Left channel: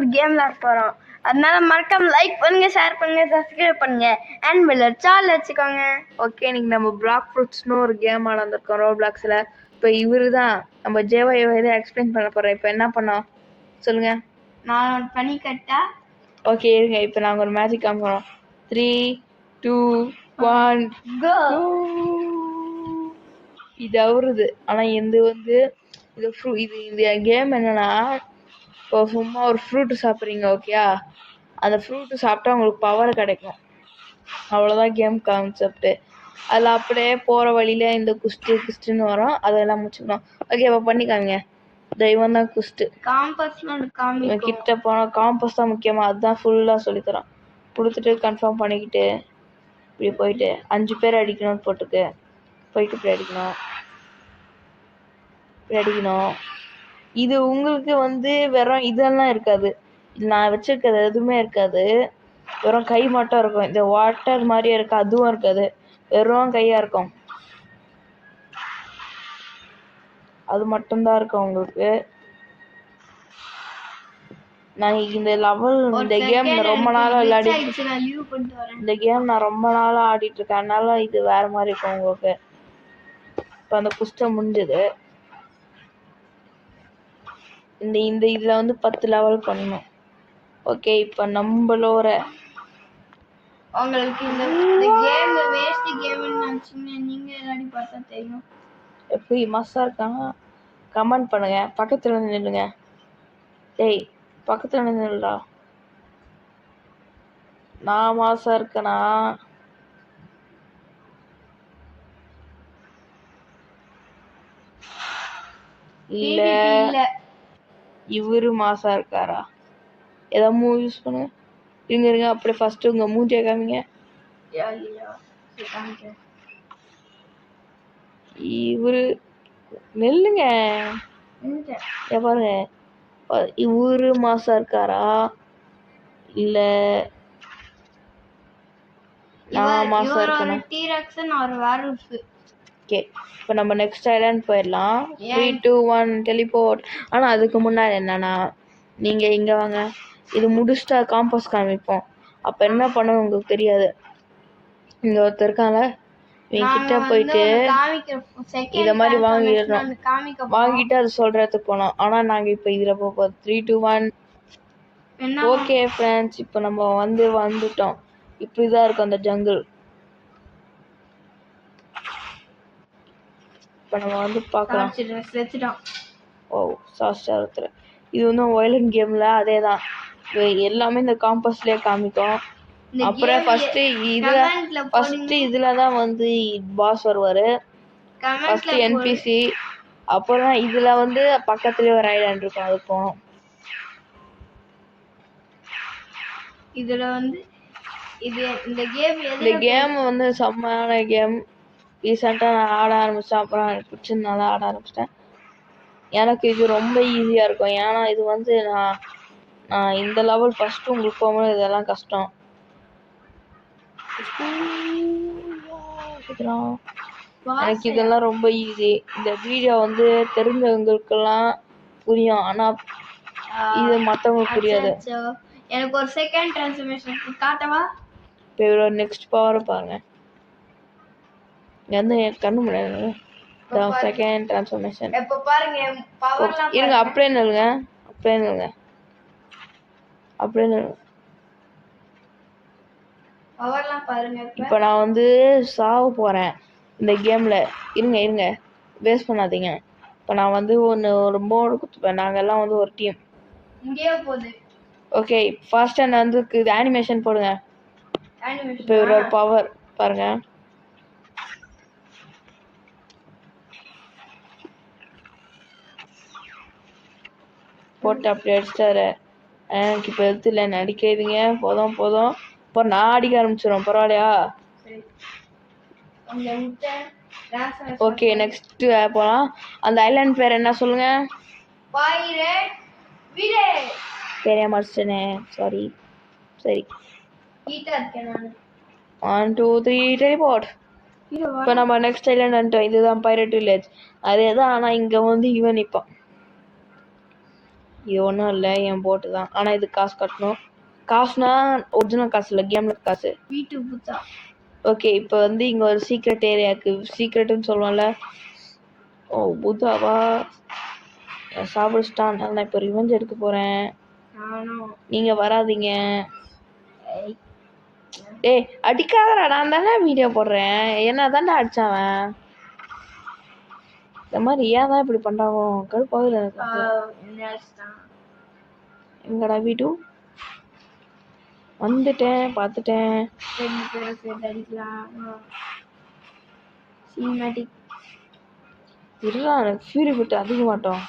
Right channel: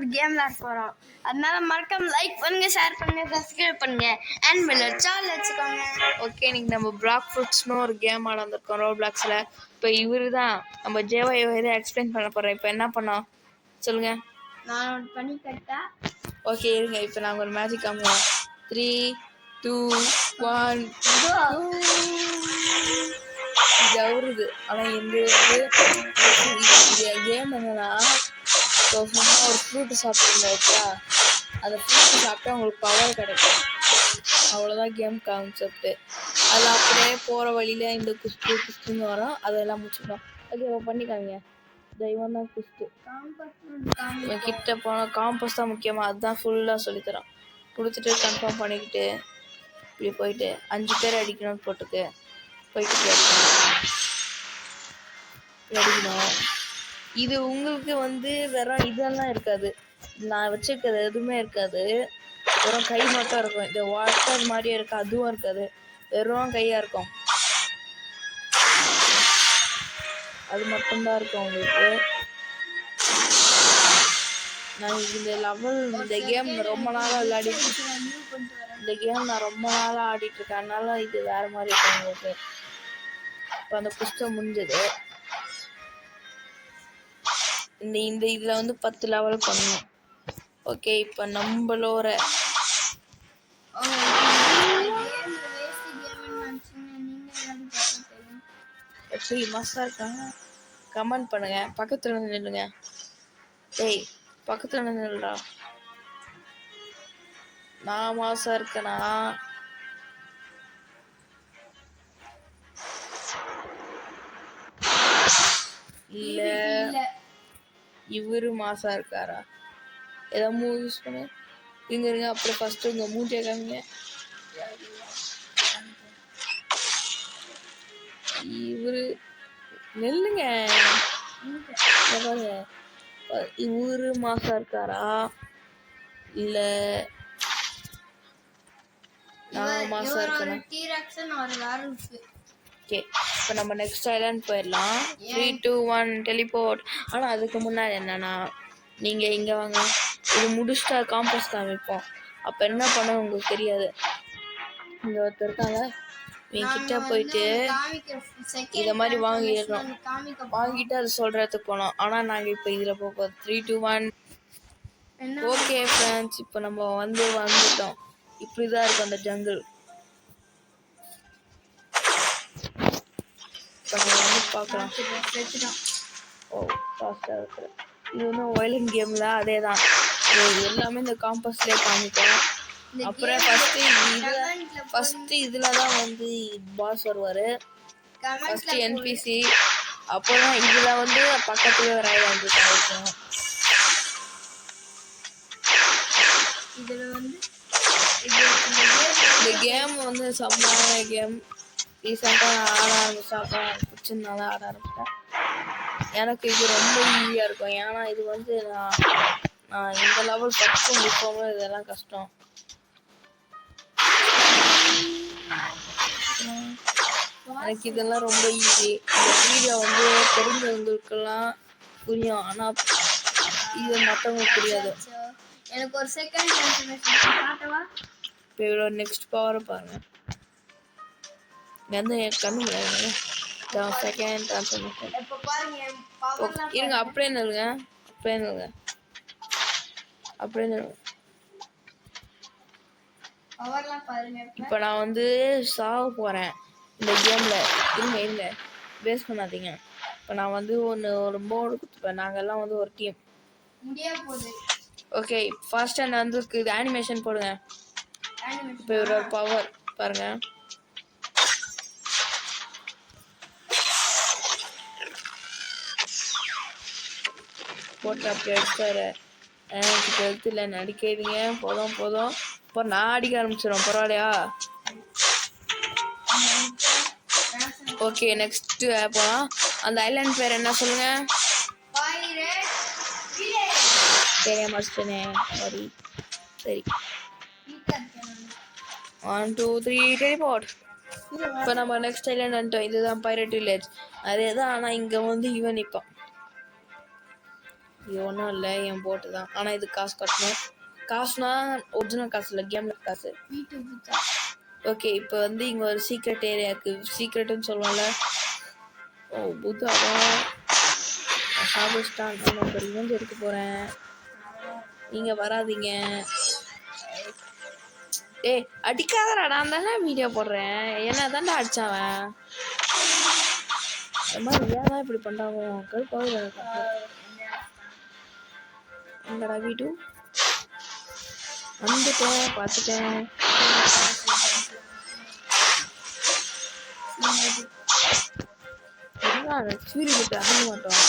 ஒரு கேம் விளாட போகிறோம். அதனால மறக்காம லைக் பண்ணுங்க, ஷேர் பண்ணுங்க, சப்ஸ்கிரைப் பண்ணுங்க, அண்ட் பெல் சால் வச்சுக்கோங்க. ஓகே, இன்னைக்கு நம்ம பிளாக் ஃப்ரூட்ஸ்னு ஒரு கேம் ஆனந்திருக்கோம் ரோல் பிளாக்ஸில். இப்போ இவரு தான் நம்ம ஜேவாய் இதை எக்ஸ்பிளைன் பண்ண போகிறேன். இப்போ என்ன பண்ணோம் சொல்லுங்க. நான் பண்ணி கட்டா. ஓகே இருங்க, இப்போ நாங்கள் ஒரு மேஜிக் காமிக்கிறோம். 3, 2, 1 இது அவருது. ஆனால் இந்த வந்து கேம் என்னன்னா, இப்போ சும்மா ஒரு ஃப்ரூட்டு சாப்பிட்றீங்க ஓகே, அந்த ஃப்ரூட்டு சாப்பிட்டா உங்களுக்கு பவர் கிடைக்கும், அவ்வளோதான் கேம் கான்செப்ட்டு. அதில் அப்படியே போகிற வழியில் இந்த குஸ்ட்டுன்னு வரும், அதெல்லாம் முடிச்சுக்கணும். ஓகே இப்போ பண்ணிக்காங்க. தெய்வம் தான் குஸ்ட்டு. கிட்ட போனால் காம்பஸ் தான் முக்கியமாக, அதுதான் ஃபுல்லாக சொல்லித்தரோம். கொடுத்துட்டு கன்ஃபார்ம் பண்ணிக்கிட்டு இப்படி போயிட்டு 5 பேர் அடிக்கணும்னு போட்டுக்கு போய்கிட்டு அடிக்கணும். இது உங்களுக்கு வந்து வெறும் இதெல்லாம் இருக்காது, நான் வச்சுருக்கிறது எதுவுமே இருக்காது, வெறும் கை மட்டும் இருக்கும். இந்த வாட்டர் மாதிரியே இருக்குது, அதுவும் இருக்காது, வெறும் கையாக இருக்கும். அது மட்டும்தான் இருக்கும் உங்களுக்கு. நான் இந்த லெவல் இந்த கேம் ரொம்ப நாளாக இந்த கேம் நான் ரொம்ப நாளாக ஆடிட்டுருக்கேன், அதனால இது வேறு மாதிரி இருக்கும் உங்களுக்கு. இப்போ அந்த புஸ்தம் முடிஞ்சது. இந்த இதில் வந்து 10 லெவல் பண்ணணும். ஓகே இப்போ நம்மளோட எப்படி மஸ்ஸாக இருக்காங்க கமெண்ட் பண்ணுங்க. பக்கத்தில் வந்து நில்லுங்க. டேய் பக்கத்தில் வந்து நில்லுடா. நான் மாசாக இருக்கேனா? இல்லை இவரு மாசா இருக்காரா? ஏதாவது மூவ் யூஸ் பண்ணு. இருங்க அப்படியே ஃபஸ்ட்டு உங்கள் மூஞ்சியை காமிங்க. இவரு நெல்லுங்க பாருங்க, இவரு மாசா இருக்காரா இல்லை நான் மாசா இருக்கேனா? ஓகே இப்போ நம்ம நெக்ஸ்ட் ஐலாண்ட் போயிடலாம். 3, 2, 1 டெலிபோர்ட். ஆனால் அதுக்கு முன்னாடி என்னன்னா, நீங்கள் இங்கே வாங்க, இது முடிச்சுட்டா காம்பஸ் காமிப்போம். அப்போ என்ன பண்ண உங்களுக்கு தெரியாது. இங்கே ஒருத்தர் இருக்காங்க, என்கிட்ட போயிட்டு இதை மாதிரி வாங்கிடணும். வாங்கிட்டு அது சொல்கிறதுக்கு போனோம். ஆனால் நாங்கள் இப்போ இதில் போக 3, 2, 1. ஓகே ஃப்ரெண்ட்ஸ், இப்போ நம்ம வந்துட்டோம். இப்படி தான் இருக்கும் அந்த ஜங்கிள். இப்போ நம்ம வந்து பார்க்கலாம். ஓ சாஸ்டாக இருக்கிற இது வந்து வயலண்ட் கேமில் அதே தான், எல்லாமே இந்த காம்பஸ்லேயே காமிக்கும். அப்புறம் ஃபஸ்ட்டு இதில் தான் வந்து பாஸ் வருவார், ஃபஸ்ட்டு என்பிசி. அப்புறம் இதில் வந்து பக்கத்துலேயே ஒரு ஐலாண்ட் இருக்கும். இதில் வந்து இந்த கேம் வந்து செம்மையான கேம். ரீசெண்டாக நான் ஆட ஆரம்பித்தேன், அப்புறம் எனக்கு பிடிச்சதுனால ஆட ஆரம்பிச்சிட்டேன். எனக்கு இது ரொம்ப ஈஸியாக இருக்கும், ஏன்னா இது வந்து நான் இந்த லெவல் ஃபஸ்ட்டு முப்போம், இதெல்லாம் கஷ்டம். எனக்கு இதெல்லாம் ரொம்ப ஈஸி. இந்த வீடியோ வந்து தெரிஞ்சவங்களுக்கெல்லாம் புரியும், ஆனால் இது மற்றவங்களுக்கு புரியாது. எனக்கு ஒரு செகண்ட் ட்ரான்ஸ்ஃபர்மேஷன் காட்டவா? இப்போ இவ்வளோ நெக்ஸ்ட் பவரை பாருங்கள். இங்கே வந்து கண்ணு முடியாது. செகண்ட் ட்ரான்ஸ்ஃபர்மேஷன் இப்போ பாருங்க, இருங்க அப்படியே நில்லுங்க, இப்போ நான் வந்து சாக போகிறேன் இந்த கேமில். இருங்க வேஸ்ட் பண்ணாதீங்க. இப்போ நான் வந்து ஒரு மோடு கொடுத்துப்பேன். நாங்கள் எல்லாம் வந்து ஒரு டீம். ஓகே ஃபர்ஸ்ட் நான் வந்து இது அனிமேஷன் போடுங்க. இப்போ இவரோட பவர் பாருங்க. போட்டு அப்படி அடிச்சாரு. எனக்கு இப்போ எடுத்துல நடிக்காதீங்க, போதும். இப்போ நான் அடிக்க ஆரம்பிச்சிடும், பரவாயில்லையா? ஓகே நெக்ஸ்ட்டு போகலாம். அந்த ஐலாண்ட் பேர் என்ன சொல்லுங்க? சரியா மடிச்சிட்டேனே, சரி 1, 2, 3 டெலிபோர்ட். இப்போ நம்ம நெக்ஸ்ட் ஐலாண்ட் வந்துட்டோம். இதுதான் பைரட் வில்லேஜ், அதே தான். ஆனால் இங்கே வந்து இவன் நிற்பான். இது ஒன்றும் இல்லை, என் போட்டு தான். ஆனால் இது காசு கட்டணும். காசுனா ஒரிஜினல் காசு இல்லை, கேமில் காசு. வீட்டு புத்தா. ஓகே, இப்போ வந்து இங்கே ஒரு சீக்ரெட் ஏரியாவுக்கு சீக்ரெட்டுன்னு சொல்லுவோம்ல. ஓ புத்தாவா, சாப்பிட்டான். நான் இப்போ ரிவெஞ்ச் எடுக்க போகிறேன். நீங்கள் வராதீங்க. ஏய் அடிக்காதடா, நான் தானே வீடியோ போடுறேன். என்ன தானே அடிச்சாவன். இந்த மாதிரி ஏன் தான் இப்படி பண்ணுறாங்க கருப்பாக. எங்கடா வீடு வந்துட்டேன், பார்த்துட்டேன். இல்லை ஃபீல் கிட்ட அதிக மாட்டோம்.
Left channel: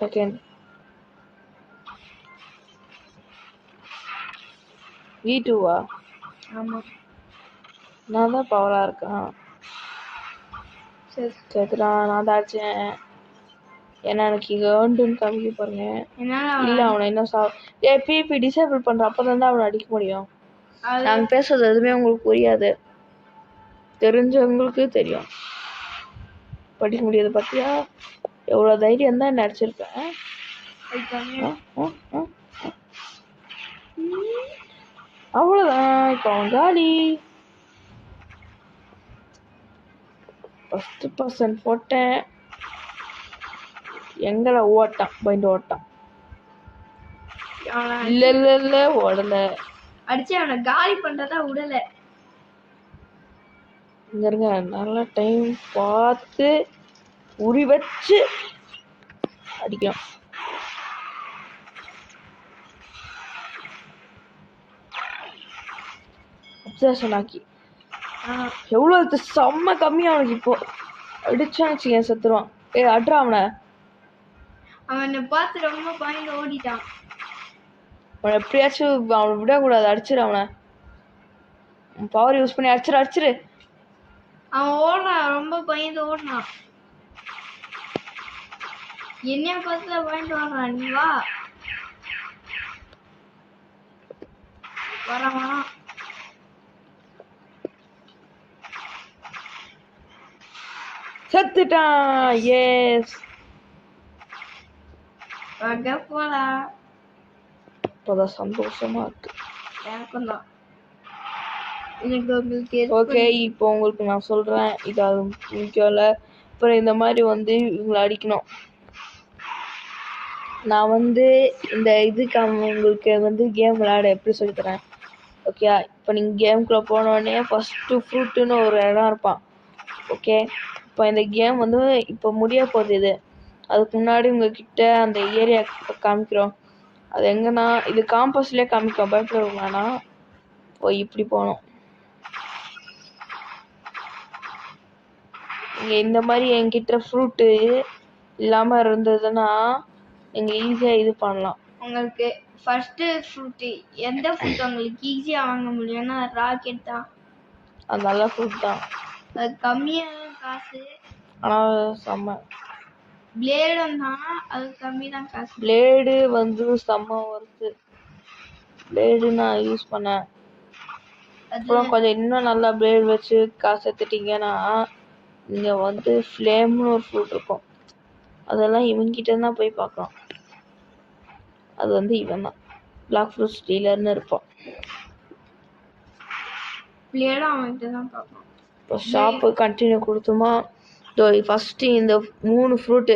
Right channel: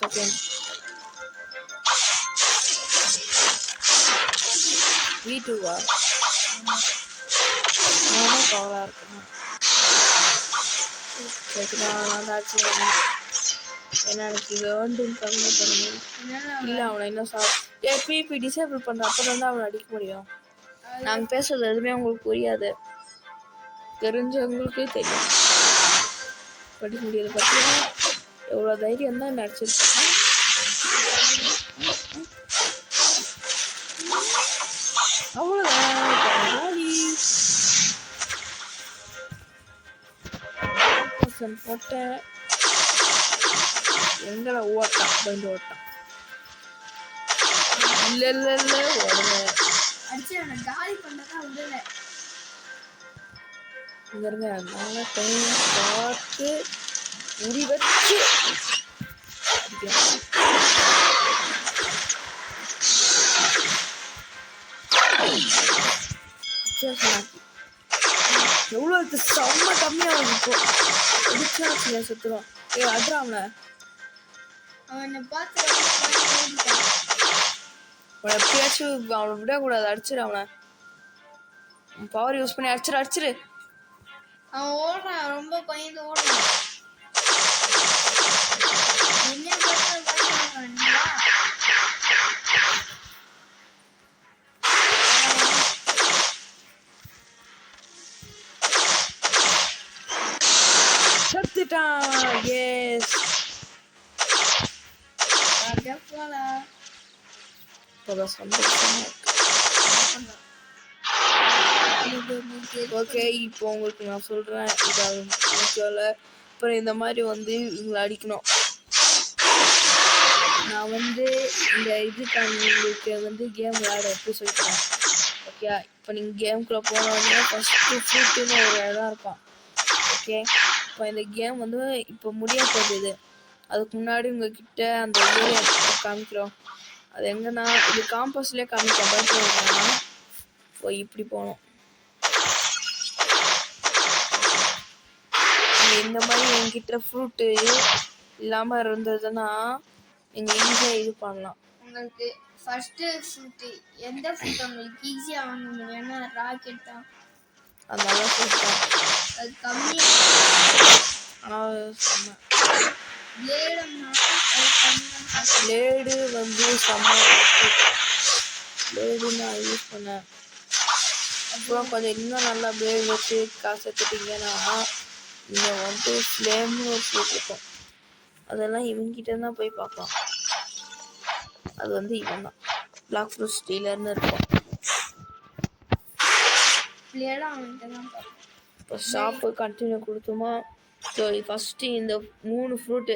செகண்ட் வீட்டுவா நானும் பவராக இருக்கேன். கேட்குதா? நான் தாச்சுவேன். ஏன்னா எனக்கு இங்கே வேண்டுன்னு கம்மி பண்ணேன். இல்லை அவனை என்ன பிபி டிசேபிள் பண்ணுற அப்போ தான் அவனை அடிக்க முடியும். நாங்கள் பேசுறது எதுவுமே உங்களுக்கு புரியாது, தெரிஞ்சவங்களுக்கு தெரியும். படிக்க முடியாது பார்த்தியா? எவ்வளோ தைரியம் தான் என்ன அடிச்சிருக்கேன். அவ்வளோதான் பங்காளி. 50% போட்டேன். எங்களை ஓட்டான் பயந்து ஓட்டான். இல்லை இல்லை இல்லை உடல அடிச்சு அவனை காலி பண்ணுறதா உடலை. இங்கே இருங்க, நல்லா டைம் பார்த்து உரி வச்சு அடிக்கலாம். அத்தியாவசமாக்கி எவ்வளோ செம்ம கம்மியாகுது. இப்போ அடிச்சான்னு வச்சுக்க செத்துருவான். அட்ரா அவனை. அவனை பார்த்து ரொம்ப பயந்து ஓடிட்டான். அவனை எப்படியாச்சும் அவனை விடக்கூடாது, அடிச்சிடு அவனை. பவர் யூஸ் பண்ணி அடிச்சிரு. அவன் ஓடுறான், ரொம்ப பயந்து ஓடுறான். என்ன பார்த்து பயந்து ஓடுறான். நீ வா. செத்துட்டான். எஸ் அங்க போலாம். இப்போதான் சந்தோஷமா இருக்கு. ஓகே, இப்போ உங்களுக்கு நான் சொல்கிறேன், இது அது முக்கியம் இல்லை. அப்புறம் இந்த மாதிரி வந்து இவங்களை அடிக்கணும். நான் வந்து இந்த இதுக்கான உங்களுக்கு வந்து கேம் விளையாட எப்படி சொல்லித்தரேன். ஓகே, இப்போ நீங்கள் கேமுக்குள்ளே போனோடனே ஃபஸ்ட்டு ஃப்ரூட்டுன்னு ஒரு இடம் இருப்பான். ஓகே, இப்போ இந்த கேம் வந்து இப்போ முடிய போகுது. இது அதுக்கு முன்னாடி உங்ககிட்ட அந்த ஏரியா காமிக்கிறோம். அது எங்கன்னா இது காம்பஸ்லேயே காமிக்கிறோம். பயப்படுறதுனா போய் இப்படி போகணும். இந்த மாதிரி என்கிட்ட ஃப்ரூட்டு இல்லாமல் இருந்ததுன்னா நீங்கள் ஈஸியாக இது பண்ணலாம். உங்களுக்கு ஃபஸ்ட்டு ஃப்ரூட்டு எந்த ஃப்ரூட் உங்களுக்கு ஈஸியாக வாங்க முடியும்னா ராக்கெட் தான். அது நல்ல ஃப்ரூட் தான், அது கம்மியாக. ஆனால் செம்ம பிளேடும் தான், அது கம்மி தான் காசு. பிளேடு வந்து செம்ம பிளேடு நான் யூஸ் பண்ணேன். அப்புறம் கொஞ்சம் இன்னும் நல்லா பிளேடு வச்சு காசு எடுத்துட்டிங்கன்னா நீங்கள் வந்து ஃப்ளேம்னு ஒரு ஃப்ரூட் இருக்கும். அதெல்லாம் இவங்கிட்ட தான் போய் பார்க்கலாம். அது வந்து இவன் தான் பிளாக் ஃப்ரூட் ஸ்டீலர்னு இருக்கும். பிளேடும் அவன்கிட்ட தான் பார்க்கணும். இப்போ ஷாப்பு கண்டினியூ கொடுத்துமா. ஸோ ஃபஸ்ட்டு இந்த 3 ஃப்ரூட்டு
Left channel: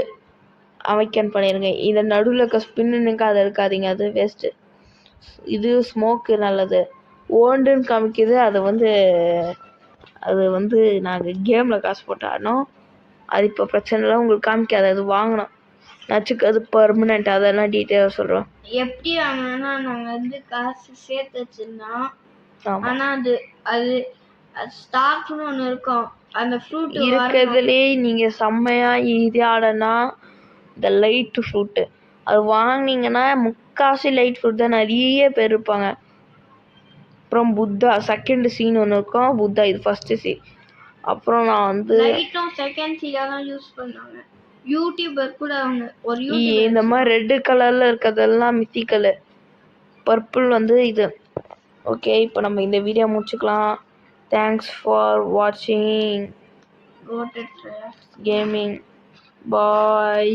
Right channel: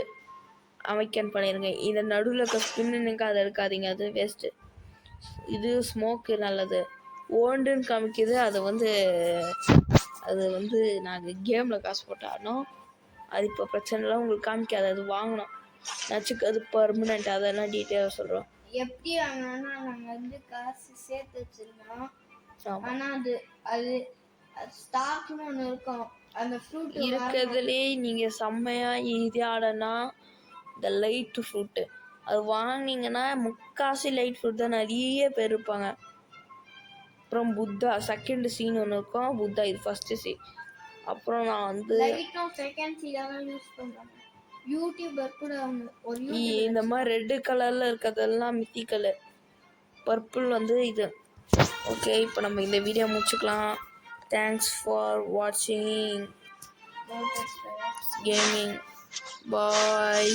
அவைக்கன் பண்ணிடுங்க. இந்த நடுவில் இருக்க ஸ்பின்னுக்கு அதை இருக்காதிங்க, அது வேஸ்ட்டு. இது ஸ்மோக்கு நல்லது. ஓண்டுன்னு காமிக்குது, அது வந்து நாங்கள் கேமில் காசு போட்டு ஆடணும். அது இப்போ பிரச்சனை இல்லை, உங்களுக்கு காமிக்காது. அது வாங்கணும் நச்சுக்கு, அது பர்மனெண்ட். அதெல்லாம் டீட்டெயிலாக சொல்கிறோம். எப்படி வாங்கினா நாங்கள் வந்து காசு சேர்த்து வச்சுருந்தோம். ஆமாம், ஆனால் அது ஸ்டாக்னு ஒன்று இருக்கும். அந்த ஃப்ரூட் இருக்கிறதுலே நீங்கள் செம்மையாக இது ஆடனா இந்த லைட்டு ஃப்ரூட்டு அது வாங்கினீங்கன்னா முக்காசி லைட் ஃப்ரூட் தான் நிறைய பேர் இருப்பாங்க. அப்புறம் புத்தா செகண்ட் சீன் ஒன்று இருக்கும். புத்தா இது ஃபஸ்ட்டு சீன். அப்புறம் நான் வந்து லைட்டும் செகண்ட் சீனாக தான் யூஸ் பண்ணுவாங்க. யூடியூபர் கூட அவங்க ஒரு இந்த மாதிரி ரெட்டு கலரில் இருக்கிறதெல்லாம் மித்திக்கல், பர்பிள் வந்து இது. ஓகே, இப்போ நம்ம இந்த வீடியோ முடிச்சுக்கலாம். தேங்க்ஸ் ஃபார் வாட்சிங் கேமிங். பாய்.